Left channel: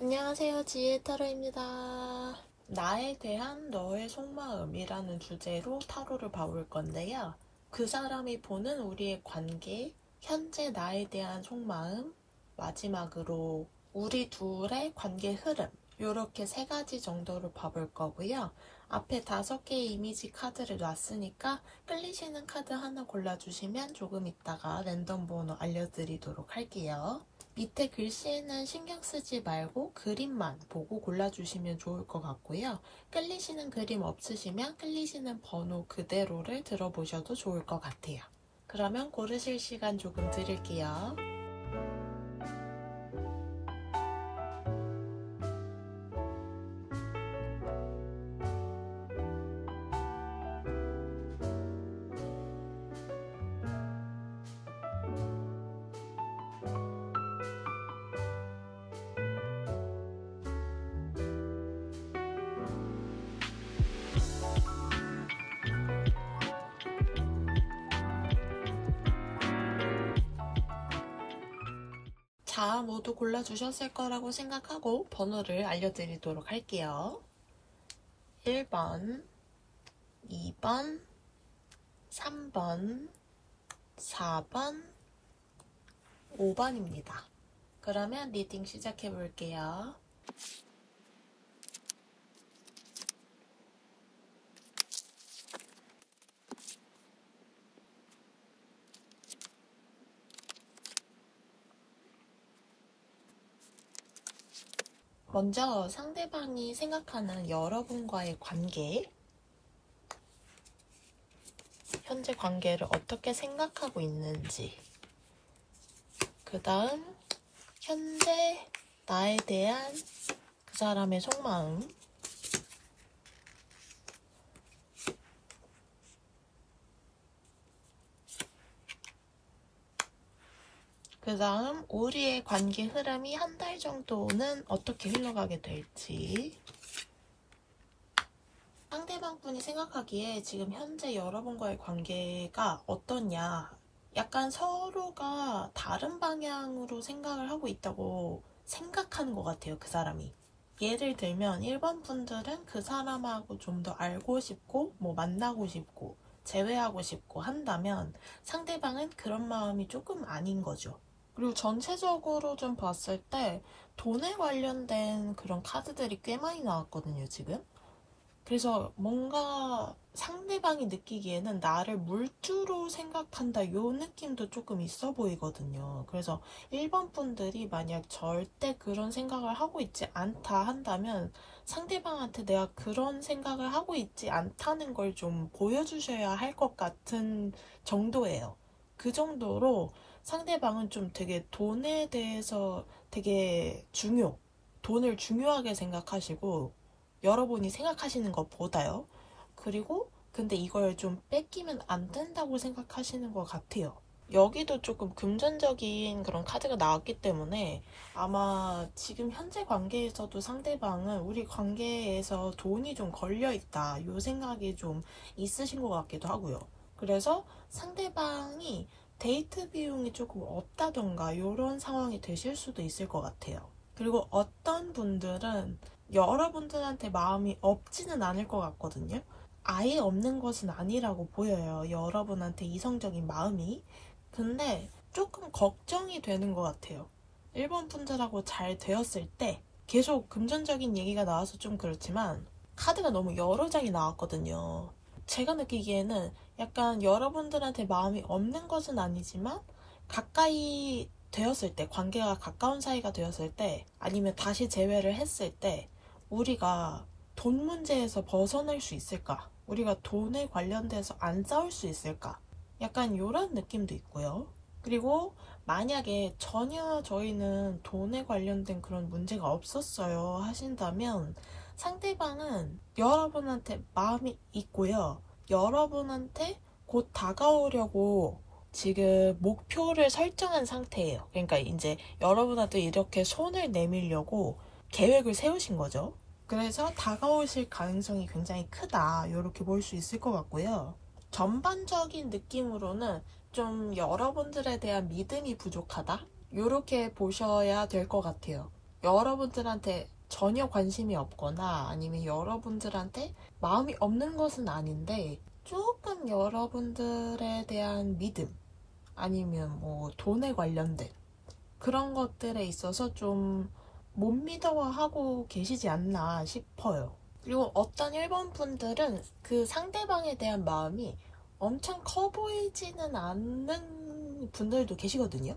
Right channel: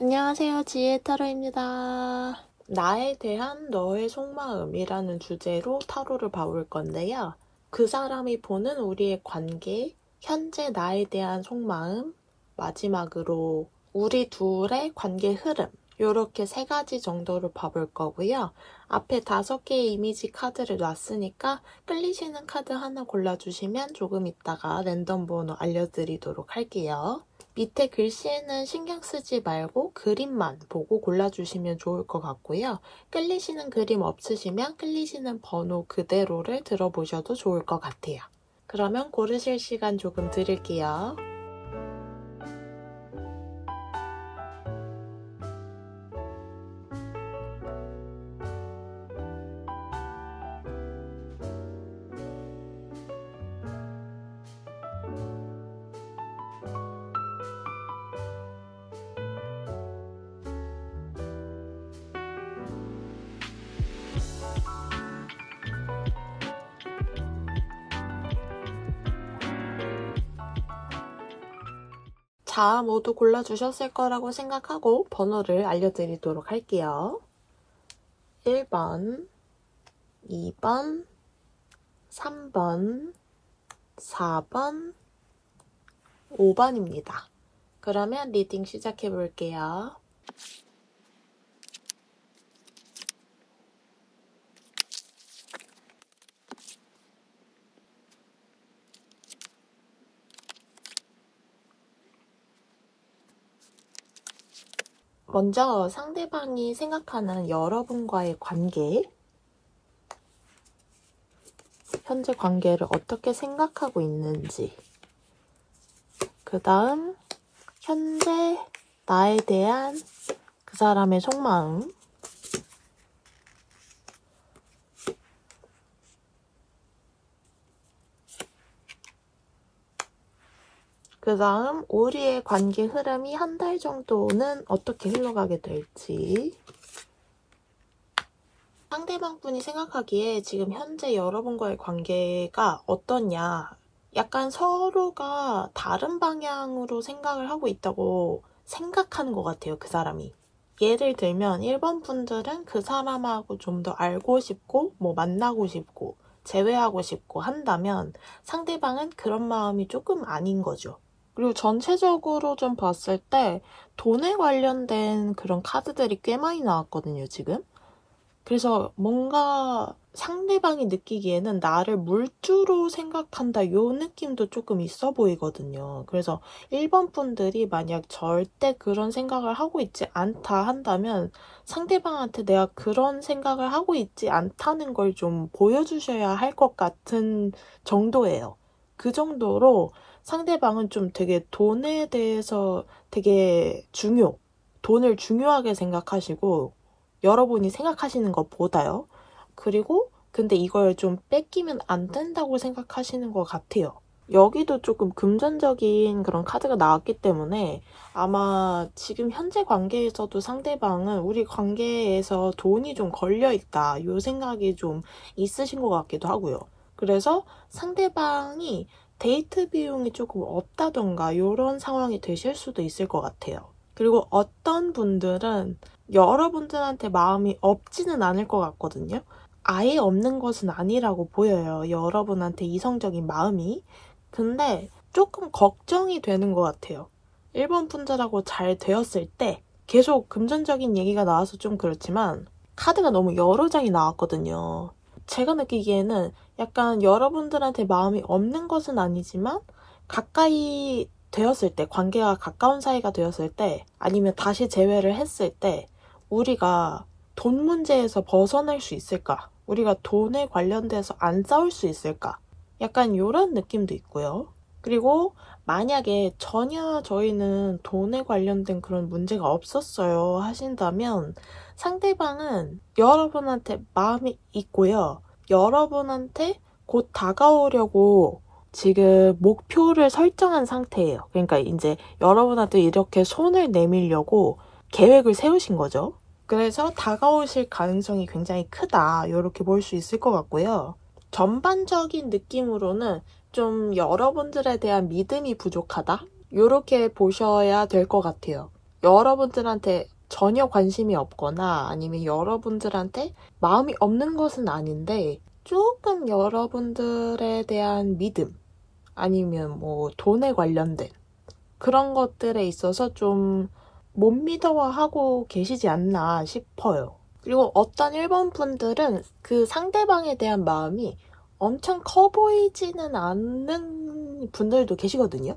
안녕하세요, 지혜타로입니다. 나에 대한 너의 속마음이라는 주제로 타로를 봐볼 건데요. 그 사람이 보는 우리의 관계, 현재 나에 대한 속마음, 마지막으로 우리 둘의 관계 흐름, 이렇게 3가지 정도를 봐볼 거고요. 앞에 5개의 이미지 카드를 놨으니까 끌리시는 카드 하나 골라주시면 조금 있다가 랜덤 번호 알려드리도록 할게요. 밑에 글씨에는 신경 쓰지 말고 그림만 보고 골라주시면 좋을 것 같고요. 끌리시는 그림 없으시면 끌리시는 번호 그대로를 들어보셔도 좋을 것 같아요. 그러면 고르실 시간 조금 드릴게요. 자, 모두 골라주셨을 거라고 생각하고 번호를 알려드리도록 할게요. 1번, 2번, 3번, 4번, 5번입니다. 그러면 리딩 시작해 볼게요. 먼저 상대방이 생각하는 여러분과의 관계, 현재 관계를 어떻게 생각하고 있는지, 그 다음 현재 나에 대한 그 사람의 속마음, 그 다음 우리의 관계 흐름이 한 달 정도는 어떻게 흘러가게 될지, 상대방 분이 생각하기에 지금 현재 여러분과의 관계가 어떠냐, 약간 서로가 다른 방향으로 생각을 하고 있다고 생각하는 것 같아요, 그 사람이. 예를 들면 1번 분들은 그 사람하고 좀 더 알고 싶고 뭐 만나고 싶고 재회하고 싶고 한다면 상대방은 그런 마음이 조금 아닌 거죠. 그리고 전체적으로 좀 봤을 때 돈에 관련된 그런 카드들이 꽤 많이 나왔거든요, 지금. 그래서 뭔가 상대방이 느끼기에는 나를 물주로 생각한다, 요 느낌도 조금 있어 보이거든요. 그래서 1번 분들이 만약 절대 그런 생각을 하고 있지 않다 한다면 상대방한테 내가 그런 생각을 하고 있지 않다는 걸 좀 보여주셔야 할 것 같은 정도예요. 그 정도로 상대방은 좀 되게 돈에 대해서 되게 돈을 중요하게 생각하시고 여러분이 생각하시는 것보다요. 그리고 근데 이걸 좀 뺏기면 안 된다고 생각하시는 것 같아요. 여기도 조금 금전적인 그런 카드가 나왔기 때문에 아마 지금 현재 관계에서도 상대방은 우리 관계에서 돈이 좀 걸려있다, 이 생각이 좀 있으신 것 같기도 하고요. 그래서 상대방이 데이트 비용이 조금 없다던가 이런 상황이 되실 수도 있을 것 같아요. 그리고 어떤 분들은 여러분들한테 마음이 없지는 않을 것 같거든요. 아예 없는 것은 아니라고 보여요, 여러분한테 이성적인 마음이. 근데 조금 걱정이 되는 것 같아요. 1번 분들하고 잘 되었을 때 계속 금전적인 얘기가 나와서 좀 그렇지만 카드가 너무 여러 장이 나왔거든요. 제가 느끼기에는 약간 여러분들한테 마음이 없는 것은 아니지만 가까이 되었을 때, 관계가 가까운 사이가 되었을 때, 아니면 다시 재회를 했을 때 우리가 돈 문제에서 벗어날 수 있을까? 우리가 돈에 관련돼서 안 싸울 수 있을까? 약간 이런 느낌도 있고요. 그리고 만약에 전혀 저희는 돈에 관련된 그런 문제가 없었어요 하신다면 상대방은 여러분한테 마음이 있고요. 여러분한테 곧 다가오려고 지금 목표를 설정한 상태예요. 그러니까 이제 여러분한테 이렇게 손을 내밀려고 계획을 세우신 거죠. 그래서 다가오실 가능성이 굉장히 크다, 이렇게 볼 수 있을 것 같고요. 전반적인 느낌으로는 좀 여러분들에 대한 믿음이 부족하다, 이렇게 보셔야 될 것 같아요. 여러분들한테 전혀 관심이 없거나 아니면 여러분들한테 마음이 없는 것은 아닌데 조금 여러분들에 대한 믿음 아니면 뭐 돈에 관련된 그런 것들에 있어서 좀 못 믿어하고 계시지 않나 싶어요. 그리고 어떤 일본 분들은 그 상대방에 대한 마음이 엄청 커 보이지는 않는 분들도 계시거든요.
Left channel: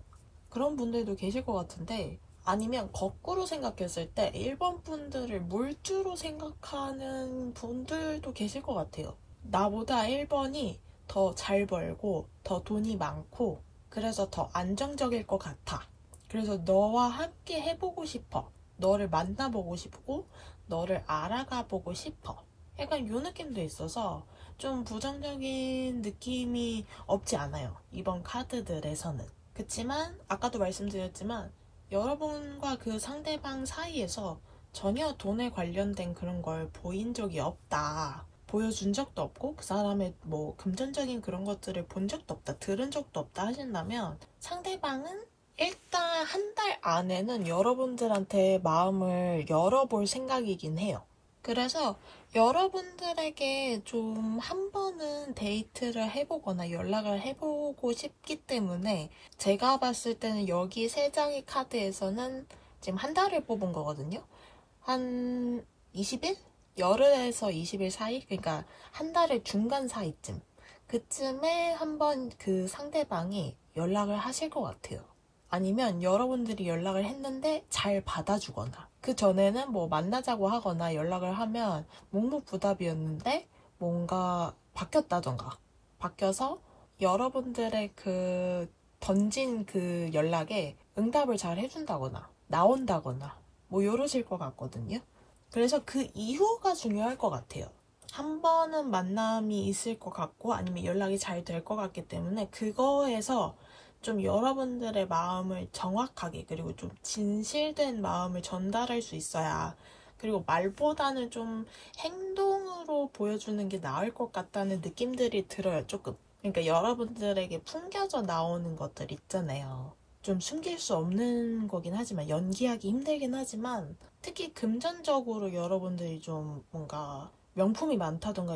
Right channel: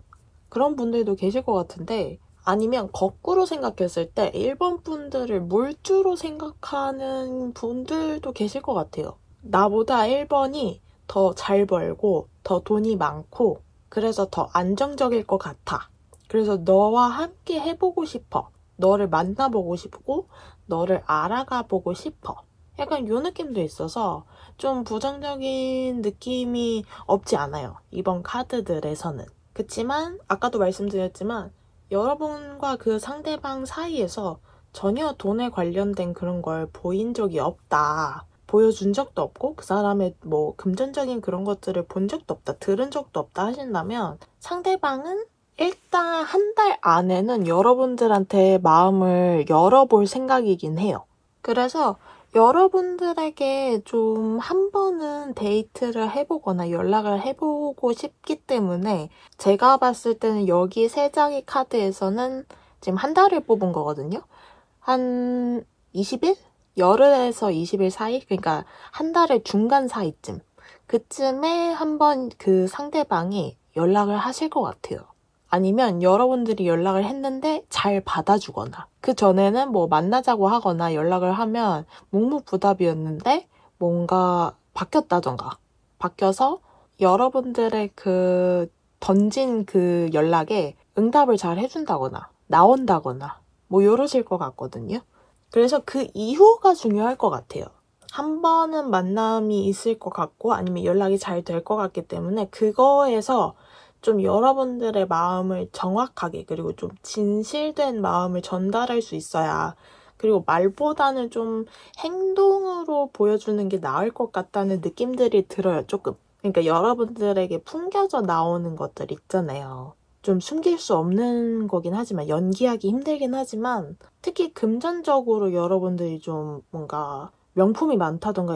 그런 분들도 계실 것 같은데, 아니면 거꾸로 생각했을 때 일본 분들을 물주로 생각하는 분들도 계실 것 같아요. 나보다 일본이 더 잘 벌고 더 돈이 많고 그래서 더 안정적일 것 같아. 그래서 너와 함께 해보고 싶어. 너를 만나보고 싶고 너를 알아가 보고 싶어. 약간 요 느낌도 있어서 좀 부정적인 느낌이 없지 않아요. 이번 카드들에서는. 그치만 아까도 말씀드렸지만 여러분과 그 상대방 사이에서 전혀 돈에 관련된 그런 걸 보인 적이 없다. 보여준 적도 없고 그 사람의 뭐 금전적인 그런 것들을 본 적도 없다. 들은 적도 없다 하신다면 상대방은 일단 한 달 안에는 여러분들한테 마음을 열어볼 생각이긴 해요. 그래서 여러분들에게 좀 한 번은 데이트를 해보거나 연락을 해보고 싶기 때문에 제가 봤을 때는 여기 세 장의 카드에서는 지금 한 달을 뽑은 거거든요. 한 20일? 열흘에서 20일 사이? 그러니까 한 달의 중간 사이쯤. 그쯤에 한번 그 상대방이 연락을 하실 것 같아요. 아니면 여러분들이 연락을 했는데 잘 받아주거나 그 전에는 뭐 만나자고 하거나 연락을 하면 묵묵부답이었는데 뭔가 바뀌었다던가 바뀌어서 여러분들의 그 던진 그 연락에 응답을 잘 해준다거나 나온다거나 뭐 이러실 것 같거든요. 그래서 그 이후가 중요할 것 같아요. 한 번은 만남이 있을 것 같고 아니면 연락이 잘 될 것 같기 때문에 그거에서 좀 여러분들의 마음을 정확하게 그리고 좀 진실된 마음을 전달할 수 있어야 그리고 말보다는 좀 행동으로 보여주는 게 나을 것 같다는 느낌들이 들어요, 조금. 그러니까 여러분들에게 풍겨져 나오는 것들 있잖아요. 좀 숨길 수 없는 거긴 하지만 연기하기 힘들긴 하지만 특히 금전적으로 여러분들이 좀 뭔가 명품이 많다던가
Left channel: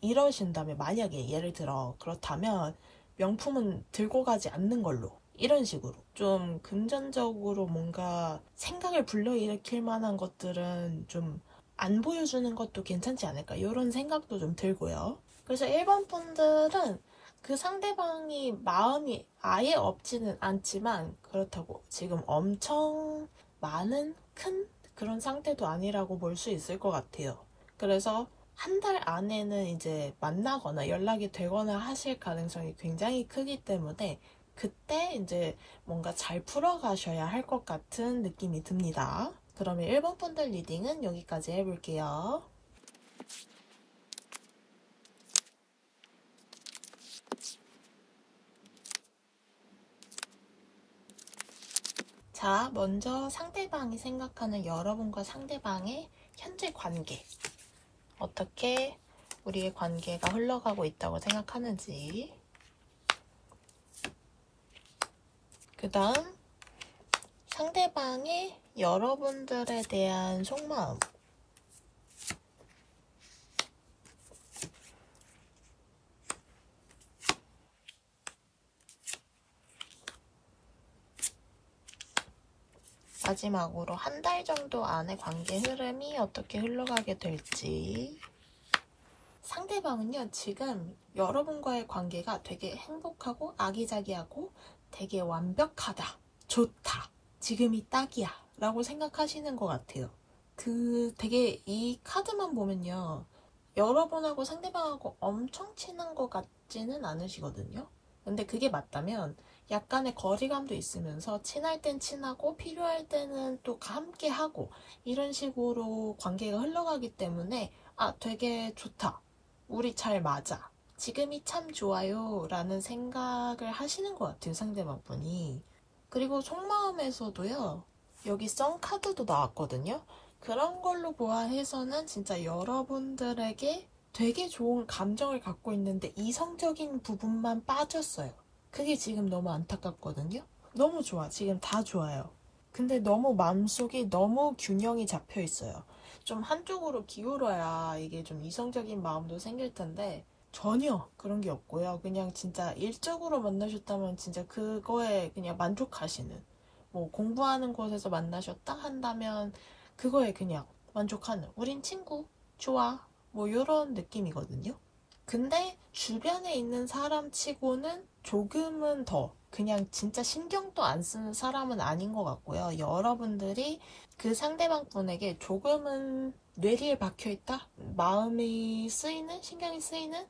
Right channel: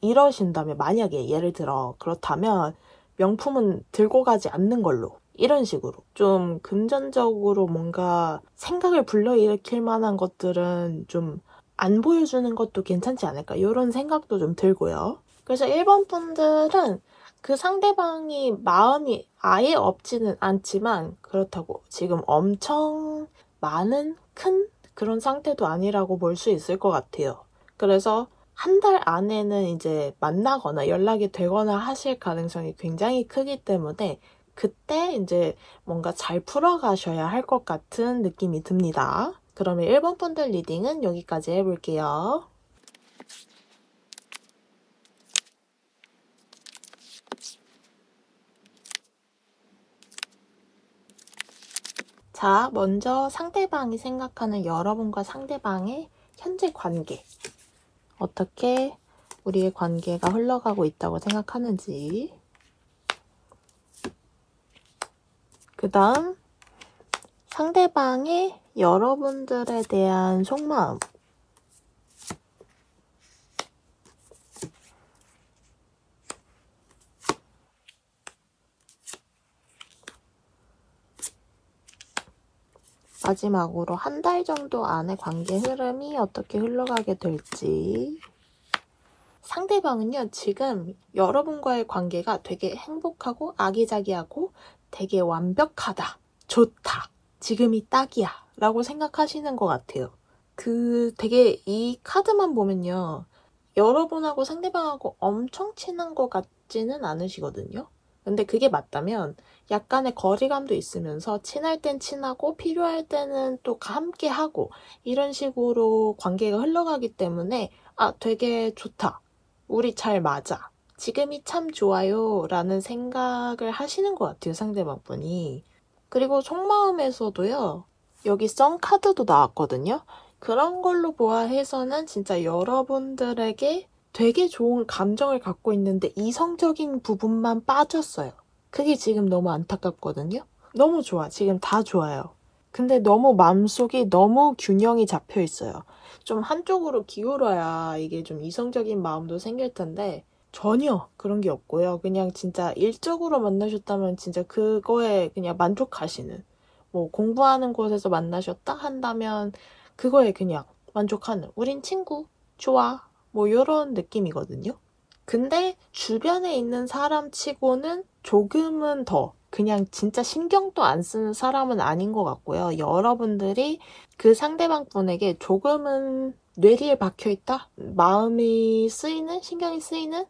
이러신다면 만약에 예를 들어 그렇다면 명품은 들고 가지 않는 걸로 이런 식으로 좀 금전적으로 뭔가 생각을 불러일으킬 만한 것들은 좀 안 보여주는 것도 괜찮지 않을까 이런 생각도 좀 들고요. 그래서 일본 분들은 그 상대방이 마음이 아예 없지는 않지만 그렇다고 지금 엄청 많은 큰 그런 상태도 아니라고 볼 수 있을 것 같아요. 그래서 한 달 안에는 이제 만나거나 연락이 되거나 하실 가능성이 굉장히 크기 때문에 그때 이제 뭔가 잘 풀어가셔야 할 것 같은 느낌이 듭니다. 그러면 1번 분들 리딩은 여기까지 해볼게요. 자, 먼저 상대방이 생각하는 여러분과 상대방의 현재 관계. 어떻게 우리의 관계가 흘러가고 있다고 생각하는지. 그 다음 상대방의 여러분들에 대한 속마음. 마지막으로 한 달 정도 안에 관계 흐름이 어떻게 흘러가게 될지. 상대방은요, 지금 여러분과의 관계가 되게 행복하고 아기자기하고 되게 완벽하다, 좋다, 지금이 딱이야 라고 생각하시는 것 같아요. 되게 이 카드만 보면요, 여러분하고 상대방하고 엄청 친한 것 같지는 않으시거든요. 근데 그게 맞다면 약간의 거리감도 있으면서 친할 땐 친하고 필요할 때는 또 함께 하고 이런 식으로 관계가 흘러가기 때문에 되게 좋다. 우리 잘 맞아. 지금이 참 좋아요 라는 생각을 하시는 것 같아요, 상대방분이. 그리고 속마음에서도요, 여기 썬 카드도 나왔거든요. 그런 걸로 보아해서는 진짜 여러분들에게 되게 좋은 감정을 갖고 있는데 이성적인 부분만 빠졌어요. 그게 지금 너무 안타깝거든요. 너무 좋아. 지금 다 좋아요. 근데 너무 마음속이 너무 균형이 잡혀 있어요. 좀 한쪽으로 기울어야 이게 좀 이성적인 마음도 생길 텐데 전혀 그런 게 없고요. 그냥 진짜 일적으로 만나셨다면 진짜 그거에 그냥 만족하시는, 뭐 공부하는 곳에서 만나셨다 한다면 그거에 그냥 만족하는, 우린 친구 좋아, 뭐 이런 느낌이거든요. 근데 주변에 있는 사람 치고는 조금은 더 그냥 진짜 신경도 안 쓰는 사람은 아닌 것 같고요. 여러분들이 그 상대방 분에게 조금은 뇌리에 박혀있다? 마음이 쓰이는? 신경이 쓰이는?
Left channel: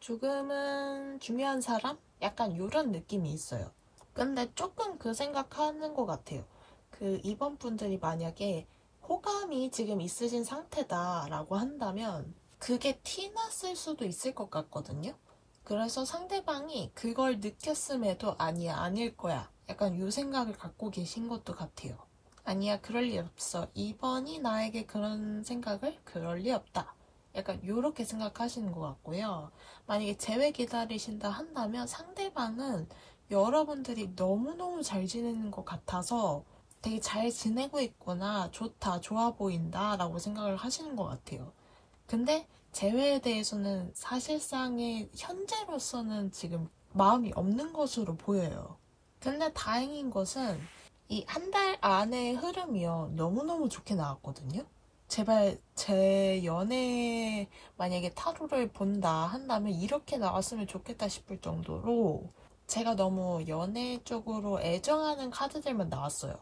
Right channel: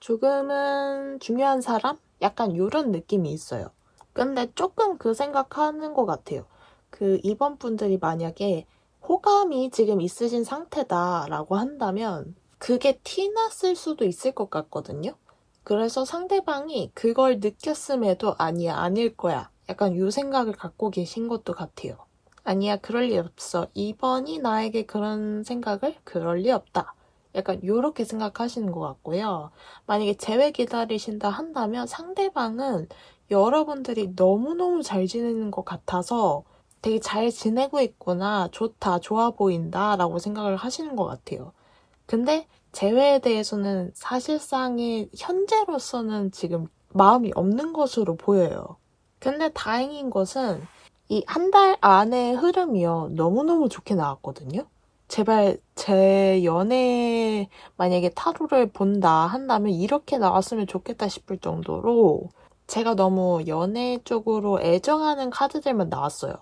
조금은 중요한 사람? 약간 이런 느낌이 있어요. 근데 조금 그 생각하는 것 같아요. 그 이번 분들이 만약에 호감이 지금 있으신 상태다라고 한다면 그게 티났을 수도 있을 것 같거든요. 그래서 상대방이 그걸 느꼈음에도 아니야, 아닐 거야, 약간 이 생각을 갖고 계신 것도 같아요. 아니야, 그럴 리 없어, 이번이 나에게 그런 생각을, 그럴 리 없다, 약간 이렇게 생각하시는 것 같고요. 만약에 재회 기다리신다 한다면 상대방은 여러분들이 너무너무 잘 지내는 것 같아서 되게 잘 지내고 있구나, 좋다, 좋아 보인다 라고 생각을 하시는 것 같아요. 근데 재회에 대해서는 사실상의 현재로서는 지금 마음이 없는 것으로 보여요. 근데 다행인 것은 이 한 달 안의 흐름이요, 너무너무 좋게 나왔거든요. 제발 제 연애 만약에 타로를 본다 한다면 이렇게 나왔으면 좋겠다 싶을 정도로 제가 너무 연애 쪽으로 애정하는 카드들만 나왔어요.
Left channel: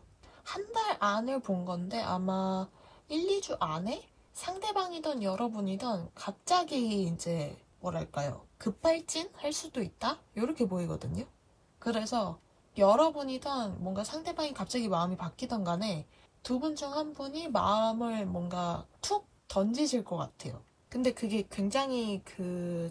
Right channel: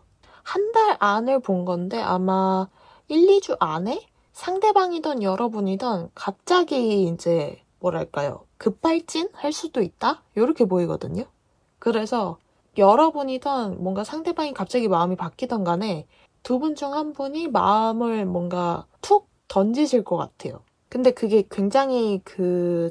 한 달 안을 본 건데 아마 1, 2주 안에 상대방이든 여러분이든 갑자기 이제 뭐랄까요, 급발진 할 수도 있다? 이렇게 보이거든요. 그래서 여러분이든 뭔가 상대방이 갑자기 마음이 바뀌던 간에 두 분 중 한 분이 마음을 뭔가 툭 던지실 것 같아요. 근데 그게 굉장히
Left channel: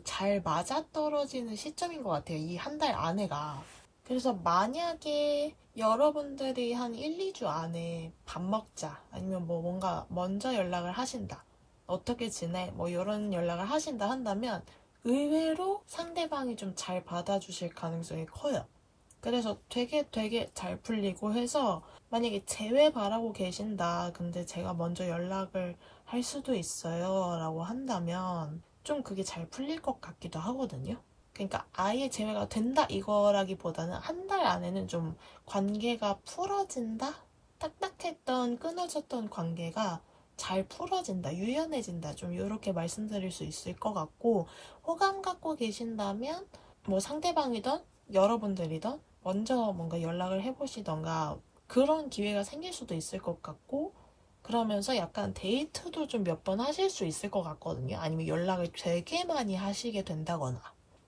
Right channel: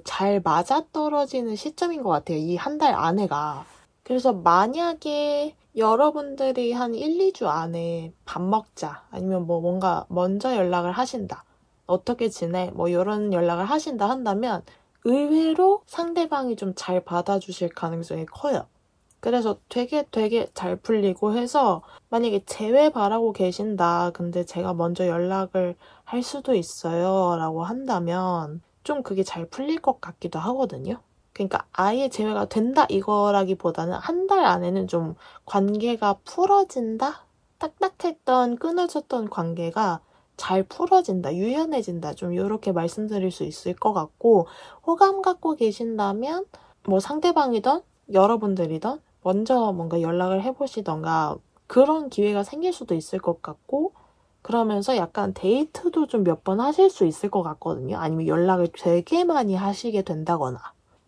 잘 맞아떨어지는 시점인 것 같아요, 이 한 달 안에가. 그래서 만약에 여러분들이 한 1, 2주 안에 밥 먹자, 아니면 뭐 뭔가 먼저 연락을 하신다, 어떻게 지내, 뭐 이런 연락을 하신다 한다면 의외로 상대방이 좀 잘 받아주실 가능성이 커요. 그래서 되게 잘 풀리고 해서 만약에 재회 바라고 계신다, 근데 제가 먼저 연락을 할 수도 있어요 라고 한다면 좀 그게 잘 풀릴 것 같기도 하거든요. 그러니까 아예 재회가 된다 이거라기보다는 한 달 안에는 좀 관계가 풀어진다? 딱딱했던 끊어졌던 관계가 잘 풀어진다, 유연해진다, 좀 이렇게 말씀드릴 수 있을 것 같고, 호감 갖고 계신다면 뭐 상대방이든 여러분들이든 먼저 뭔가 연락을 해보시던가 그런 기회가 생길 수도 있을 것 같고, 그러면서 약간 데이트도 좀 몇 번 하실 수 있을 것 같거든요. 아니면 연락을 되게 많이 하시게 된다거나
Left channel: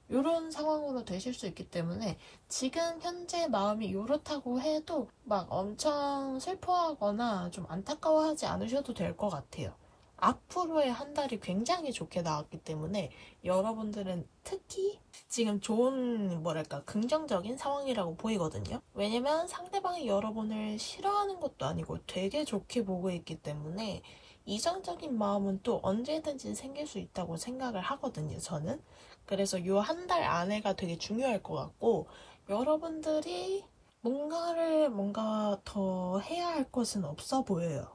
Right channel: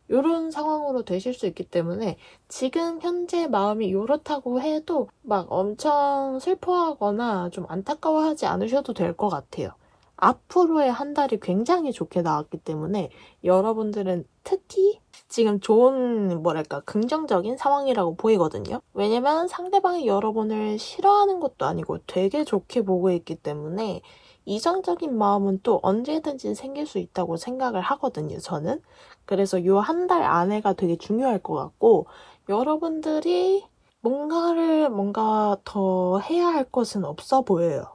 이런 상황으로 되실 수 있기 때문에 지금 현재 마음이 이렇다고 해도 막 엄청 슬퍼하거나 좀 안타까워하지 않으셔도 될 것 같아요. 앞으로의 한 달이 굉장히 좋게 나왔기 때문에 여러분들은 특히 지금 좋은, 뭐랄까, 긍정적인 상황이라고 보이거든요. 왜냐면 상대방이 여러분을 싫어하는 것도 아니고 되게 좋게 보고 있기 때문에 이성적인 마음은 또 언제든지 생길 수 있다고 생각을 하거든요, 저는. 그래서 이 한 달 안에가 되게 중요할 것 같고, 여러분들이 뭔가 더 해야 할 것은 없어 보여요.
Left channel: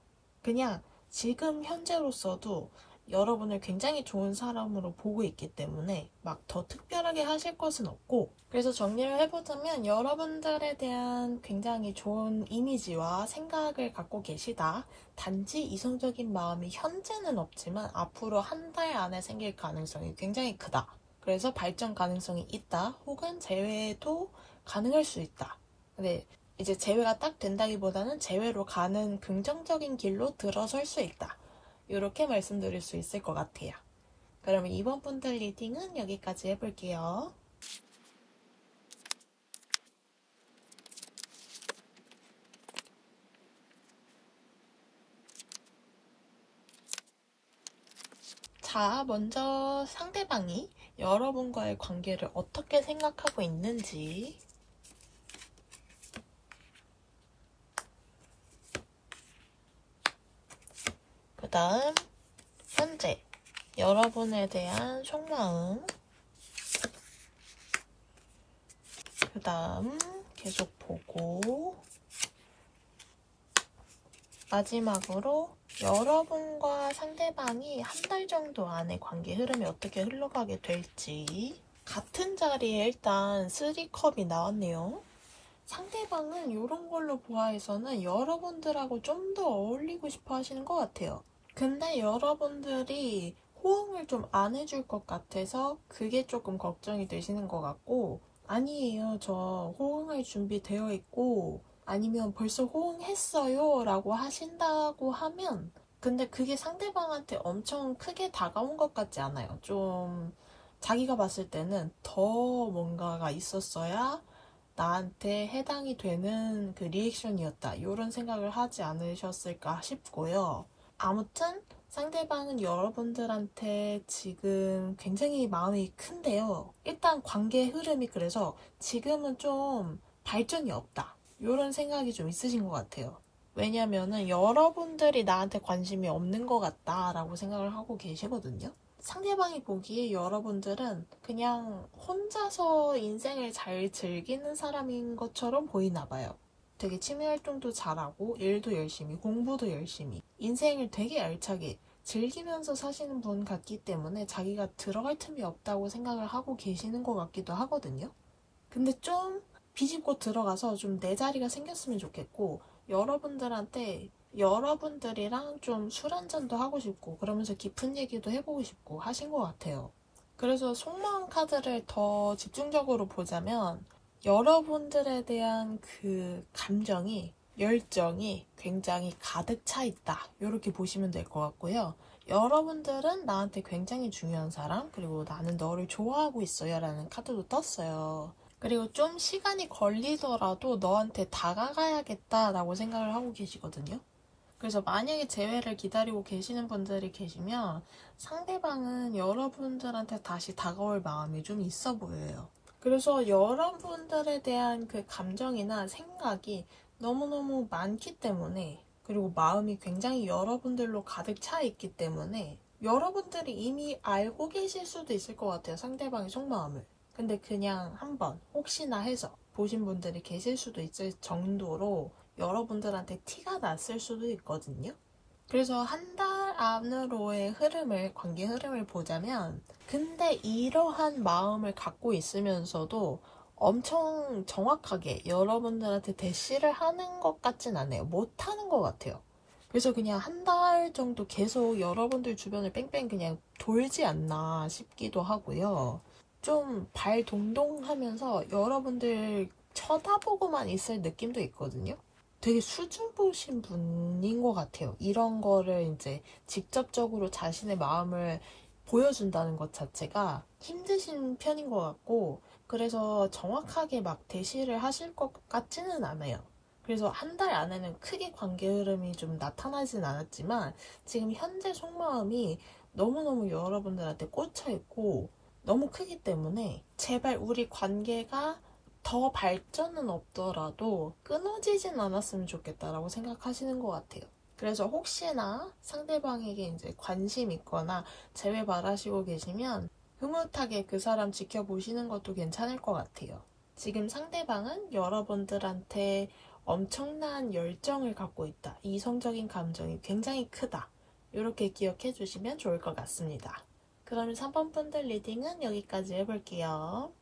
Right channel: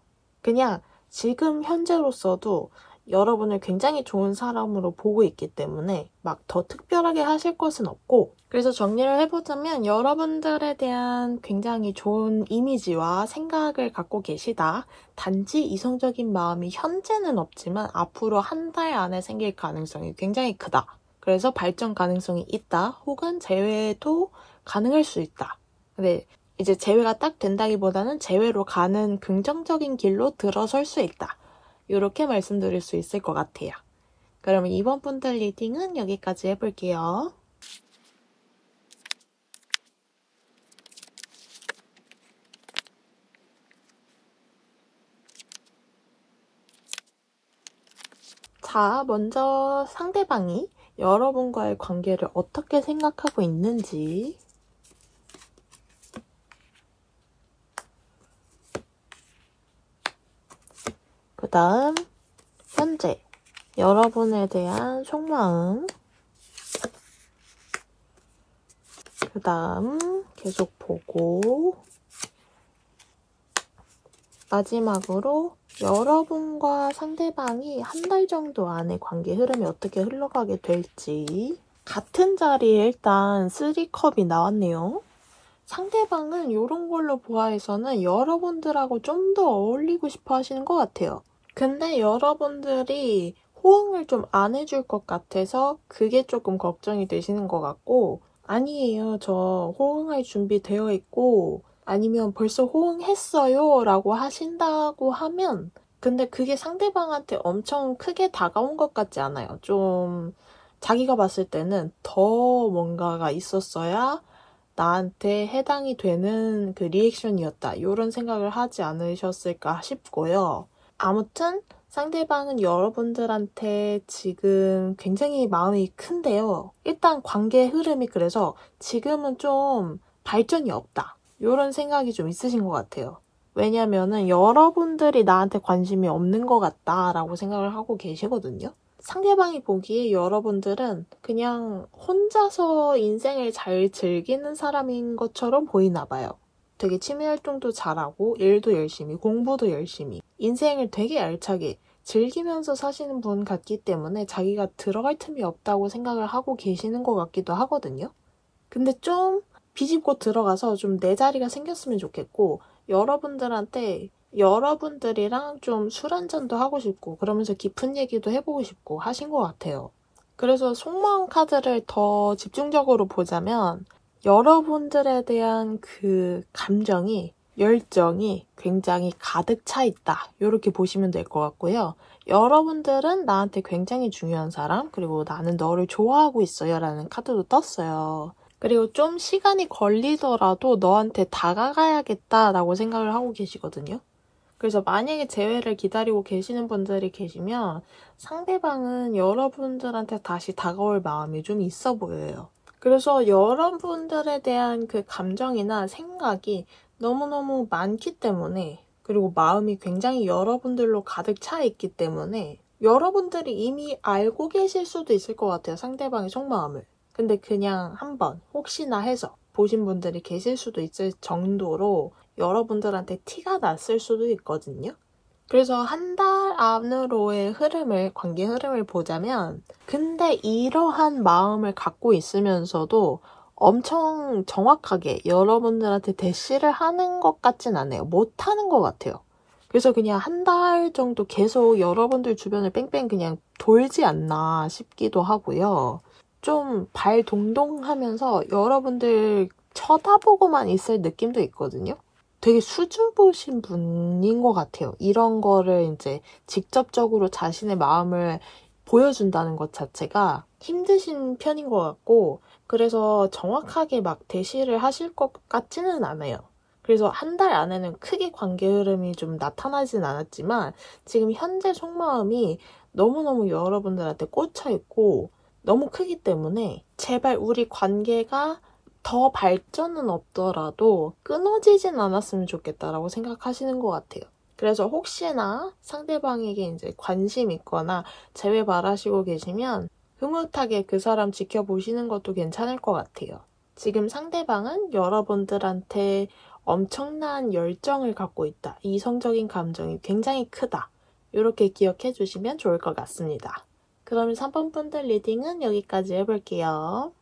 그냥 지금 현재로서도 여러분을 굉장히 좋은 사람으로 보고 있기 때문에 막 더 특별하게 하실 것은 없고, 그래서 정리를 해보자면 여러분들에 대한 굉장히 좋은 이미지와 생각을 갖고 계시다. 단지 이성적인 마음이 현재는 없지만 앞으로 한 달 안에 생길 가능성이 굉장히 크다. 그래서 발전 가능성이 있다. 혹은 재회도 가능할 수 있다. 근데 이제 재회가 딱 된다기보다는 재회로 가는 긍정적인 길로 들어설 수 있다. 이렇게 말씀드릴 수 있을 것 같아요. 그러면 이번 분들 리딩은 여기까지 해볼게요. 자, 먼저 상대방이 여러분과의 관계를 어떻게 생각하고 있는지, 그 다음 현재 여러분에 대한 속마음, 그 다음 계속 보고, 마지막으로 여러분과 상대방이 한 달 정도 안에 관계 흐름이 어떻게 흘러가게 될지. 같은 자리에 일단 3컵이 나왔네요. 상대방은 이런 걸로 보아해서는 여러분들하고 좀 더 어울리고 싶어 하시는 것 같아요. 근데 여러분들이 호응을 좀 안 해줄 것 같아서 그게 조금 걱정이 되시는 것 같고, 아니에요, 저 호응할 준비 되어 있고, 아니면 벌써 호응했어요 라고 하신다고 하면, 근데 그게 상대방한테 엄청 크게 다가온 것 같지 않아요. 좀 자기가 봤을 때는 더 뭔가가 있었어야 나한테 해당이 되는 그 리액션이었다, 이런 생각을 하지 않으셨을까 싶고요. 아무튼 상대방은 여러분들한테 지금 굉장히 마음이 큰데요. 일단 관계 흐름이 그래서 지금은 좀 발전이 없다, 이런 생각이 좀 있으신 것 같아요. 왜냐면은 여러분들이 나한테 관심이 없는 것 같다라고 생각을 하고 계시거든요. 상대방이 보기에 여러분들은 그냥 혼자서 인생을 잘 즐기는 사람인 것처럼 보이나 봐요. 되게 취미 활동도 잘하고 일도 열심히, 공부도 열심히, 인생을 되게 알차게 즐기면서 사시는 분 같기 때문에 자기가 들어갈 틈이 없다고 생각을 하고 계시는 것 같기도 하거든요. 근데 좀 비집고 들어가서 좀 내 자리가 생겼으면 좋겠고, 여러분들한테 여러분들이랑 좀 술 한잔도 하고 싶고 그러면서 깊은 얘기도 해보고 싶고 하신 것 같아요. 그래서 속마음 카드를 더 집중적으로 보자면 여러분들에 대한 그 감정이, 열정이 굉장히 가득 차 있다, 이렇게 보시면 될 것 같고요. 여러분들은 나한테 굉장히 중요한 사람, 그리고 나는 너를 좋아하고 있어요 라는 카드도 떴어요. 그리고 좀 시간이 걸리더라도 너한테 다가가야겠다라고 생각을 하고 계시거든요. 그래서 만약에 재회를 기다리고 계시는 분들이 계시면 상대방은 여러분들한테 다시 다가올 마음이 좀 있어 보여요. 그래서 여러분들에 대한 그 감정이나 생각이 너무너무 많기 때문에, 그리고 마음이 굉장히 여러분들로 가득 차 있기 때문에 여러분들이 이미 알고 계실 수도 있을 것 같아요, 상대방의 속마음을. 근데 그냥 한번 혹시나 해서 보신 분들이 계실 수도 있을 정도로 여러분들한테 티가 났을 수도 있거든요. 그래서 한 달 안으로의 흐름을, 관계 흐름을 보자면, 근데 이러한 마음을 갖고 있으면서도 엄청 정확하게 여러분들한테 대시를 하는 것 같진 않아요. 못하는 것 같아요. 그래서 그냥 한 달 정도 계속 여러분들 주변을 뺑뺑 그냥 돌지 않나 싶기도 하고요. 좀 발동동하면서 여러분들 쳐다보고만 있을 느낌도 있거든요. 되게 수줍으신 분인 것 같아요. 이런 거를 이제 직접적으로 자신의 마음을 보여준다는 것 자체가 힘드신 편인 것 같고, 그래서 정확하게 막 대시를 하실 것 같지는 않아요. 그래서 한 달 안에는 크게 관계 흐름이 좀 나타나진 않았지만 지금 현재 속마음이 너무너무 여러분들한테 꽂혀있고 너무 크기 때문에 제발 우리 관계가 더 발전은 없더라도 끊어지진 않았으면 좋겠다라고 생각하시는 것 같아요. 그래서 혹시나 상대방에게 이제 관심 있거나 재회 바라시고 계시면 흐뭇하게 그 사람 지켜보시는 것도 괜찮을 것 같아요. 지금 상대방은 여러분들한테 엄청난 열정을 갖고 있다, 이성적인 감정이 굉장히 크다, 이렇게 기억해 주시면 좋을 것 같습니다. 그러면 3번 분들 리딩은 여기까지 해볼게요.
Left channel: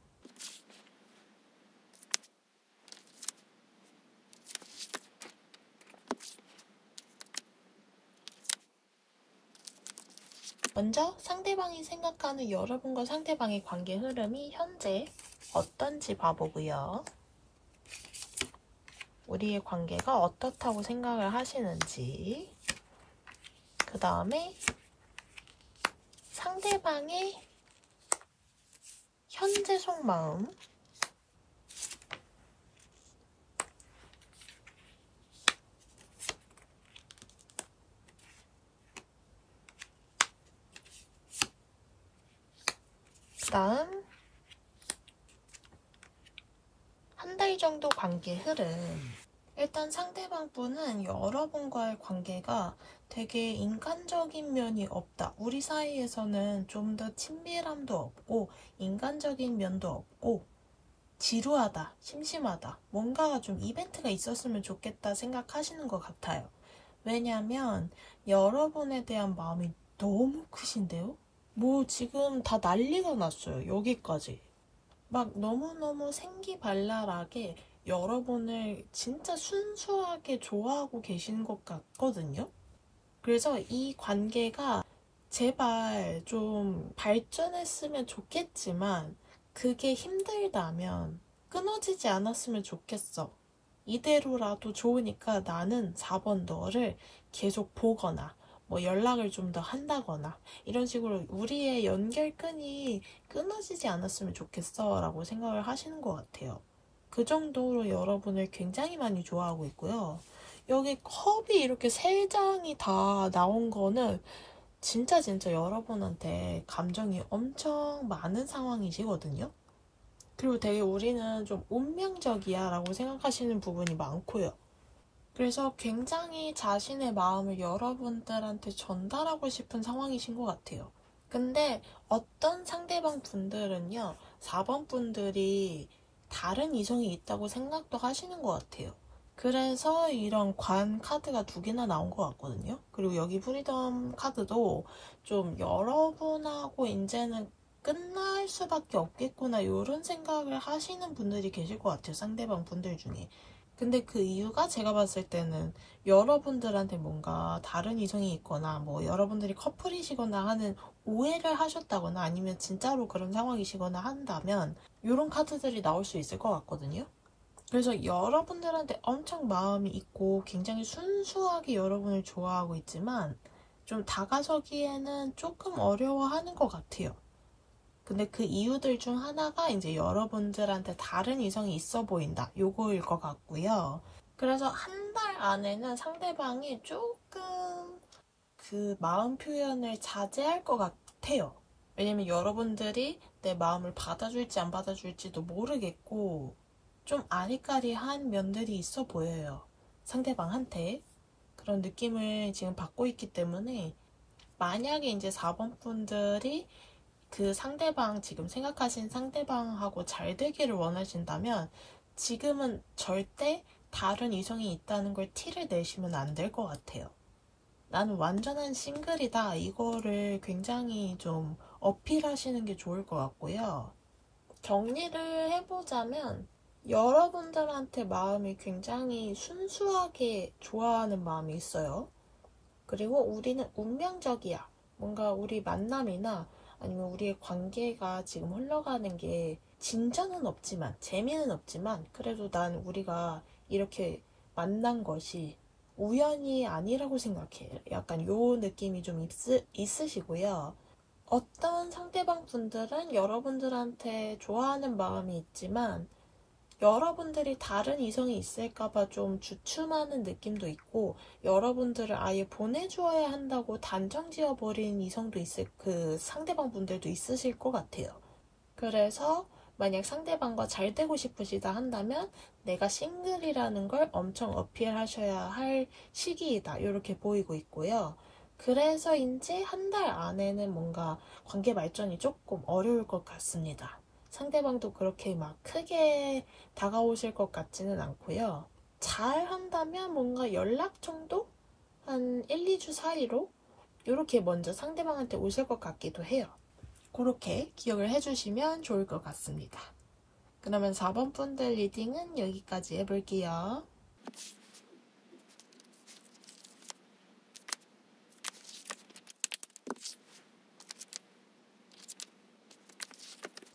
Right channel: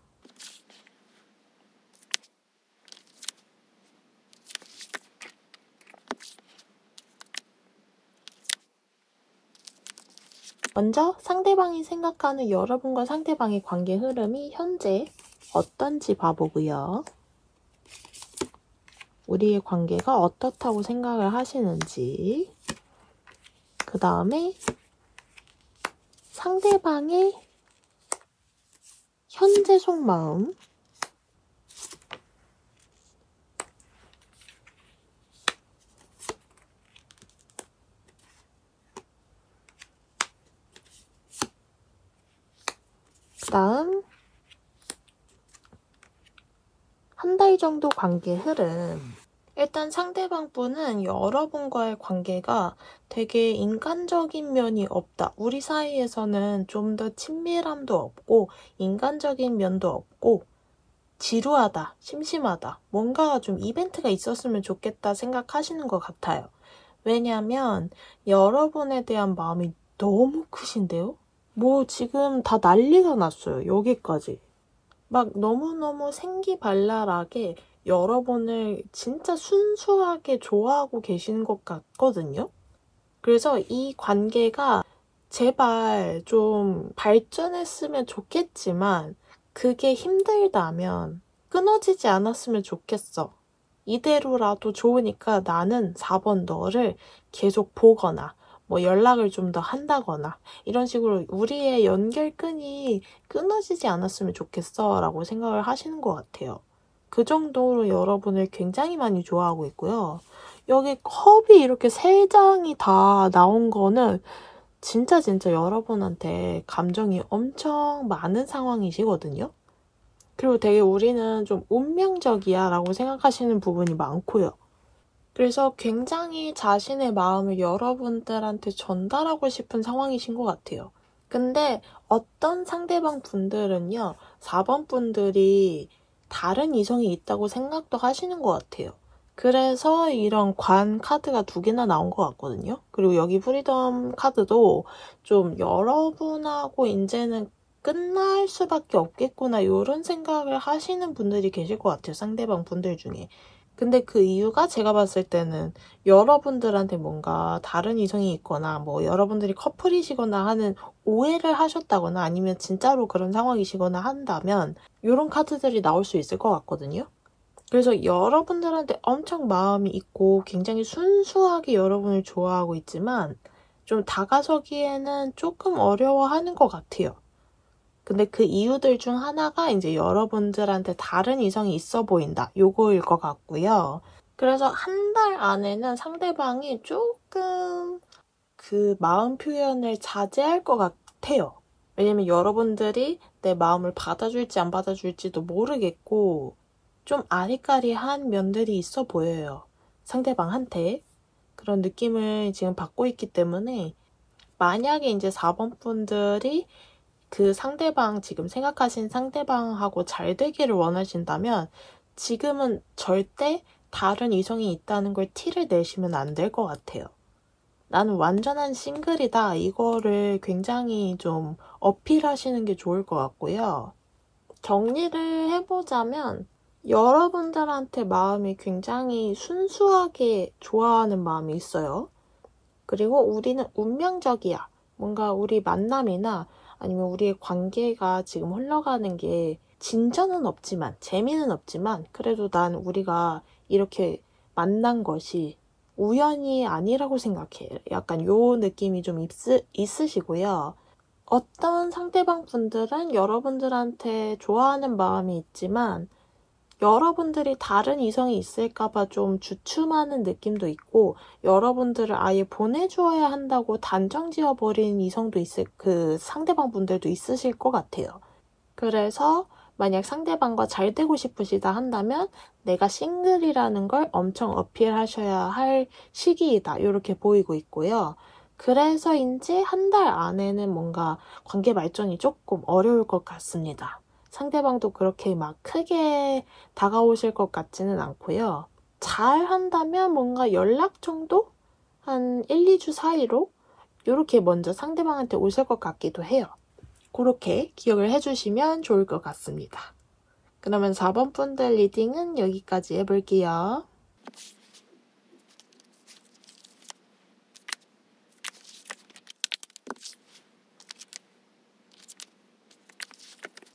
먼저 상대방이 생각하는 여러분과 상대방의 관계 흐름이 현재 어떤지 봐보고요. 우리의 관계가 어떻다고 생각을 하시는지, 그 다음에 상대방의 현재 속마음, 그 다음 한 달 정도 관계 흐름. 일단 상대방 분은 여러분과의 관계가 되게 인간적인 면이 없다, 우리 사이에서는 좀 더 친밀함도 없고 인간적인 면도 없고 지루하다, 심심하다, 뭔가 좀 이벤트가 있었으면 좋겠다 생각하시는 것 같아요. 왜냐면 여러분에 대한 마음이 너무 크신데요? 뭐 지금 다 난리가 났어요. 여기까지. 막 너무너무 생기발랄하게 여러분을 진짜 순수하게 좋아하고 계시는 것 같거든요. 그래서 이 관계가 제발 좀 발전했으면 좋겠지만 그게 힘들다면 끊어지지 않았으면 좋겠어. 이대로라도 좋으니까 나는 4번 너를 계속 보거나 뭐 연락을 좀 더 한다거나 이런 식으로 우리의 연결끈이 끊어지지 않았으면 좋겠어 라고 생각을 하시는 것 같아요. 그 정도로 여러분을 굉장히 많이 좋아하고 있고요. 여기 컵이 이렇게 3장이 다 나온 거는 진짜 여러분한테 감정이 엄청 많은 상황이시거든요. 그리고 되게 우리는 좀 운명적이야 라고 생각하시는 부분이 많고요. 그래서 굉장히 자신의 마음을 여러분들한테 전달하고 싶은 상황이신 것 같아요. 근데 어떤 상대방 분들은요, 4번 분들이 다른 이성이 있다고 생각도 하시는 것 같아요. 그래서 이런 관 카드가 2개나 나온 것 같거든요. 그리고 여기 프리덤 카드도 좀 여러분하고 이제는 끝날 수밖에 없겠구나 이런 생각을 하시는 분들이 계실 것 같아요. 상대방 분들 중에. 근데 그 이유가 제가 봤을 때는 여러분들한테 뭔가 다른 이성이 있거나 뭐 여러분들이 커플이시거나 하는 오해를 하셨다거나 아니면 진짜로 그런 상황이시거나 한다면 이런 카드들이 나올 수 있을 것 같거든요. 그래서 여러분들한테 엄청 마음이 있고 굉장히 순수하게 여러분을 좋아하고 있지만 좀 다가서기에는 조금 어려워하는 것 같아요. 근데 그 이유들 중 하나가 이제 여러분들한테 다른 이성이 있어 보인다. 요거일 것 같고요. 그래서 한 달 안에는 상대방이 조금 그 마음 표현을 자제할 것 같아요. 왜냐면 여러분들이 내 마음을 받아줄지 안 받아줄지도 모르겠고 좀 아리까리한 면들이 있어 보여요. 상대방한테. 그런 느낌을 지금 받고 있기 때문에 만약에 이제 4번 분들이 그 상대방, 지금 생각하신 상대방하고 잘 되기를 원하신다면 지금은 절대 다른 이성이 있다는 걸 티를 내시면 안 될 것 같아요. 나는 완전한 싱글이다. 이거를 굉장히 좀 어필하시는 게 좋을 것 같고요. 정리를 해보자면 여러분들한테 마음이 굉장히 순수하게 좋아하는 마음이 있어요. 그리고 우리는 운명적이야. 뭔가 우리 만남이나 아니면 우리의 관계가 지금 흘러가는 게 진전은 없지만, 재미는 없지만, 그래도 난 우리가 이렇게 만난 것이 우연이 아니라고 생각해. 약간 요 느낌이 좀 있으시고요. 어떤 상대방 분들은 여러분들한테 좋아하는 마음이 있지만, 여러분들이 다른 이성이 있을까봐 좀 주춤하는 느낌도 있고 여러분들을 아예 보내주어야 한다고 단정 지어버리는 이성도 그 상대방 분들도 있으실 것 같아요. 그래서 만약 상대방과 잘 되고 싶으시다 한다면 내가 싱글이라는 걸 엄청 어필하셔야 할 시기이다 이렇게 보이고 있고요. 그래서인지 한 달 안에는 뭔가 관계 발전이 조금 어려울 것 같습니다. 상대방도 그렇게 막 크게 다가오실 것 같지는 않고요. 잘 한다면 뭔가 연락 정도? 한 1, 2주 사이로 이렇게 먼저 상대방한테 오실 것 같기도 해요. 그렇게 기억을 해주시면 좋을 것 같습니다. 그러면 4번 분들 리딩은 여기까지 해볼게요.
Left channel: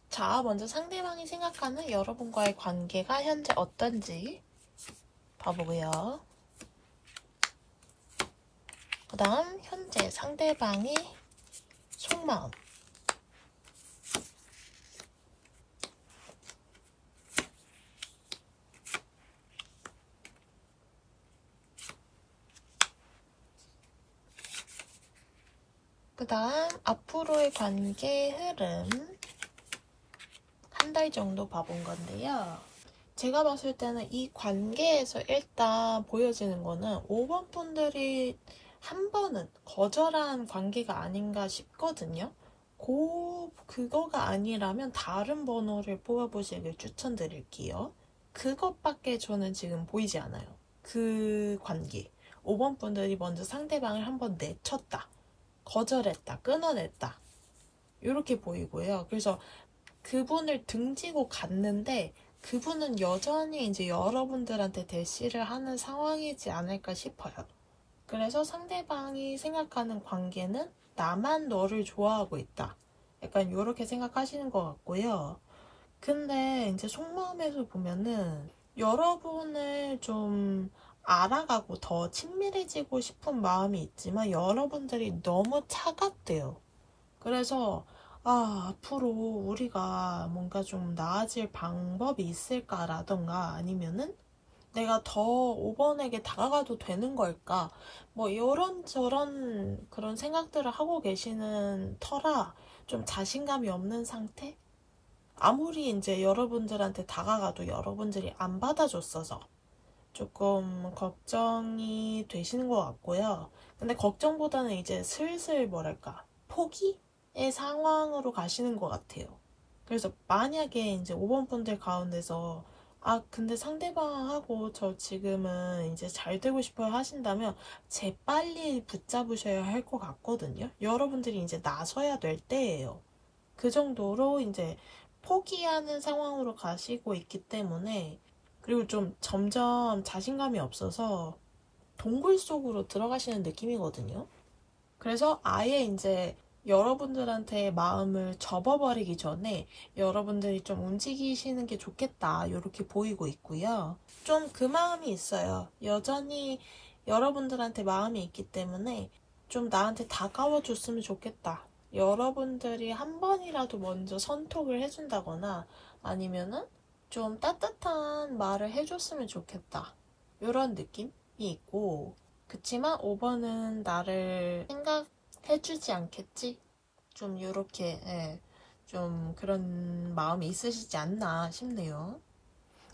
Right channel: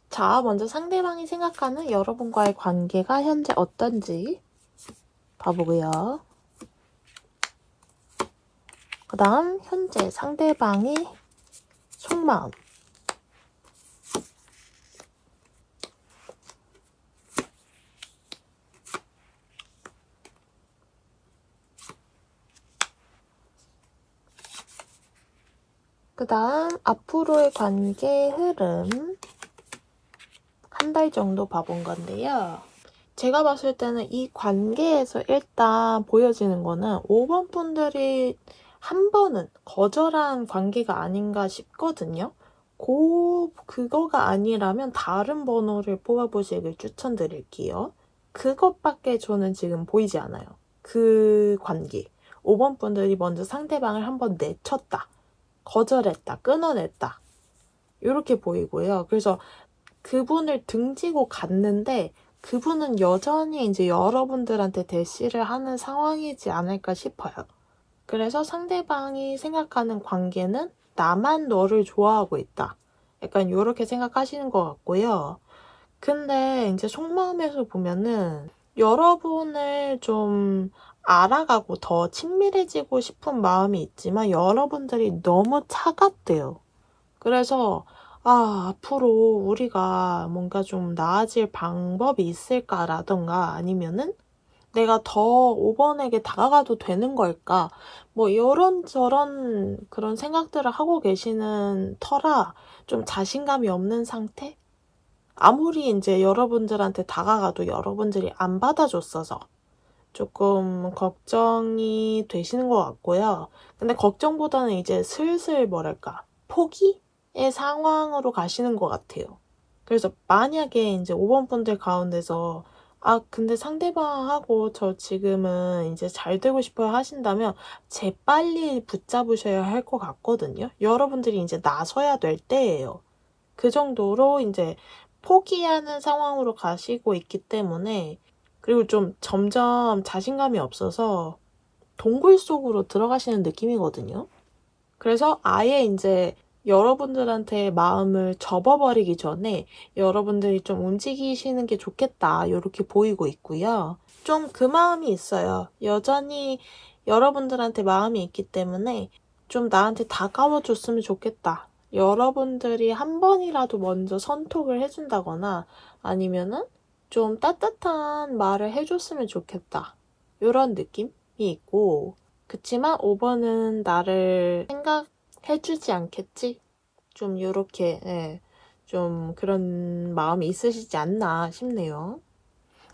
자, 먼저 상대방이 생각하는 여러분과의 관계가 현재 어떤지 봐보고요. 그 다음 현재 상대방의 속마음. 그 다음 앞으로의 관계 흐름 한 달 정도 봐본 건데요. 제가 봤을 때는 이 관계에서 일단 보여지는 거는 5번 분들이 한 번은 거절한 관계가 아닌가 싶거든요. 그거가 아니라면 다른 번호를 뽑아보시길 추천드릴게요. 그것밖에 저는 지금 보이지 않아요. 그 관계. 5번 분들이 먼저 상대방을 한번 내쳤다, 거절했다, 끊어냈다, 이렇게 보이고요. 그래서 그분을 등지고 갔는데 그분은 여전히 이제 여러분들한테 대시를 하는 상황이지 않을까 싶어요. 그래서 상대방이 생각하는 관계는 나만 너를 좋아하고 있다, 약간 이렇게 생각하시는 것 같고요. 근데 이제 속마음에서 보면은 여러분을 좀 알아가고 더 친밀해지고 싶은 마음이 있지만 여러분들이 너무 차갑대요. 그래서 앞으로 우리가 뭔가 좀 나아질 방법이 있을까라던가 아니면은 내가 더 5번에게 다가가도 되는 걸까? 뭐 이런저런 그런 생각들을 하고 계시는 터라 좀 자신감이 없는 상태? 아무리 이제 여러분들한테 다가가도 여러분들이 안 받아줬어서 조금 걱정이 되시는 것 같고요. 근데 걱정보다는 이제 슬슬 뭐랄까, 포기의 상황으로 가시는 것 같아요. 그래서 만약에 이제 5번 분들 가운데서 근데 상대방하고 저 지금은 이제 잘 되고 싶어요 하신다면 재빨리 붙잡으셔야 할 것 같거든요. 여러분들이 이제 나서야 될 때예요. 그 정도로 이제 포기하는 상황으로 가시고 있기 때문에, 그리고 좀 점점 자신감이 없어서 동굴 속으로 들어가시는 느낌이거든요. 그래서 아예 이제 여러분들한테 마음을 접어버리기 전에 여러분들이 좀 움직이시는 게 좋겠다, 이렇게 보이고 있고요. 좀 그 마음이 있어요. 여전히 여러분들한테 마음이 있기 때문에 좀 나한테 다가와 줬으면 좋겠다. 여러분들이 한 번이라도 먼저 선톡을 해준다거나 아니면은 좀 따뜻한 말을 해줬으면 좋겠다, 이런 느낌이 있고, 그치만 5번은 나를 생각해주지 않겠지? 좀 요렇게 좀 그런 마음이 있으시지 않나 싶네요.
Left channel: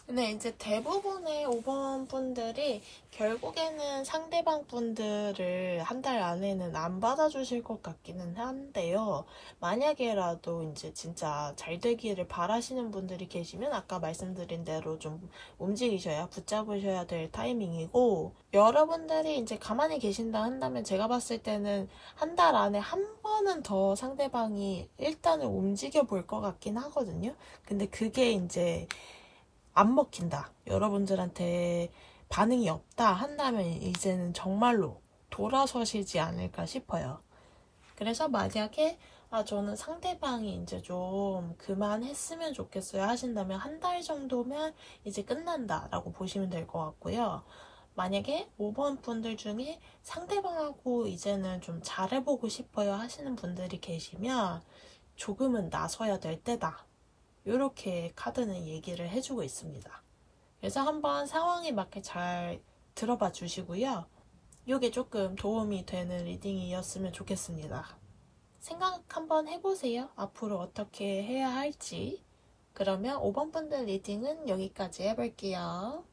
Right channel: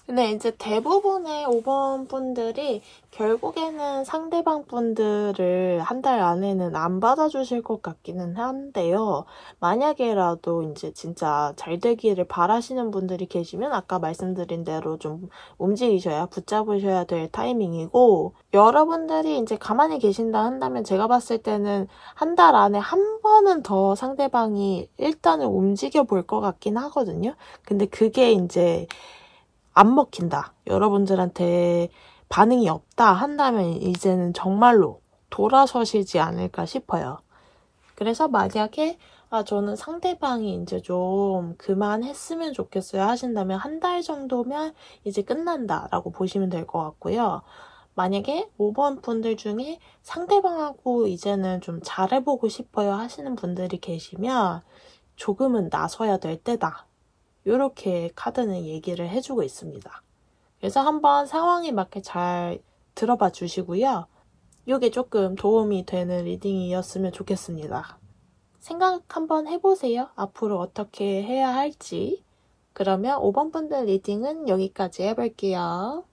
근데 이제 대부분의 5번 분들이 결국에는 상대방 분들을 한 달 안에는 안 받아주실 것 같기는 한데요. 만약에라도 이제 진짜 잘 되기를 바라시는 분들이 계시면 아까 말씀드린 대로 좀 움직이셔야, 붙잡으셔야 될 타이밍이고, 여러분들이 이제 가만히 계신다 한다면 제가 봤을 때는 한 달 안에 한 번은 더 상대방이 일단은 움직여 볼 것 같긴 하거든요. 근데 그게 이제 안 먹힌다, 여러분들한테 반응이 없다 한다면 이제는 정말로 돌아서시지 않을까 싶어요. 그래서 만약에 저는 상대방이 이제 좀 그만했으면 좋겠어요 하신다면 한 달 정도면 이제 끝난다 라고 보시면 될 것 같고요. 만약에 5번 분들 중에 상대방하고 이제는 좀 잘해보고 싶어요 하시는 분들이 계시면 조금은 나서야 될 때다, 이렇게 카드는 얘기를 해주고 있습니다. 그래서 한번 상황에 맞게 잘 들어봐 주시고요. 이게 조금 도움이 되는 리딩이었으면 좋겠습니다. 생각 한번 해보세요. 앞으로 어떻게 해야 할지. 그러면 5번 분들 리딩은 여기까지 해볼게요.